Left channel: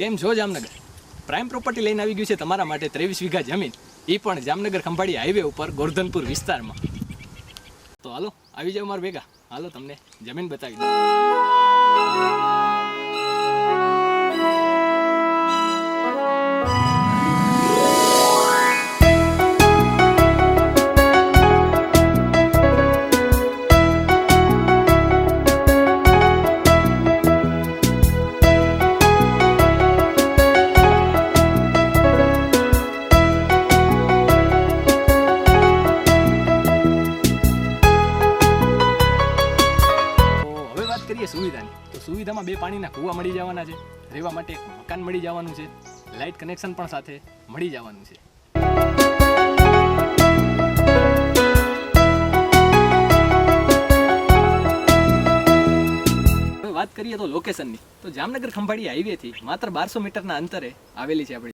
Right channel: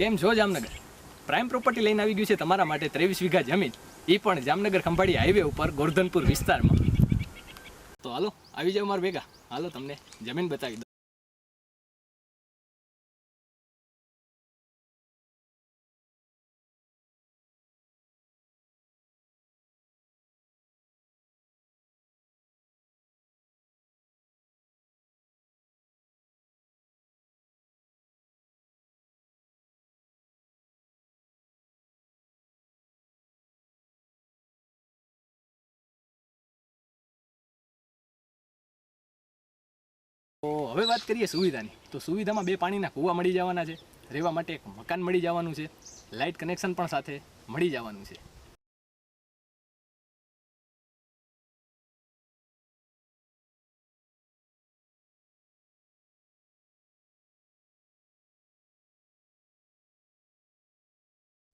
કેમ છો Jamnagar? Prime property લઈને આવી ગયું છે તમારા માટે 23 વીઘા જમીન, એ પણ જામનગર ખંભાળી હાઈવે ઉપર ગોરધનપુર વિસ્તારમાં. તો હાલો આવી જાવ મારા ભેગા, હાલો તમને જમીન બતાવી દઉં. હવે વાત કરીએ સુવિધાની, તો સુવિધામાં 2 પાણીના કૂવા મળી જવાના છે, રહેવા માટે એક મકાન મળી જવાનું છે, લાઇટ કનેક્શન પણ સાથે મળી જવાનું છે. હવે વાત કરીએ તો લોકેશનની, તો જામનગર ખંભાળી હાઈવેથી માત્ર 1200 મીટરના અંતરે આવેલી છે આપણી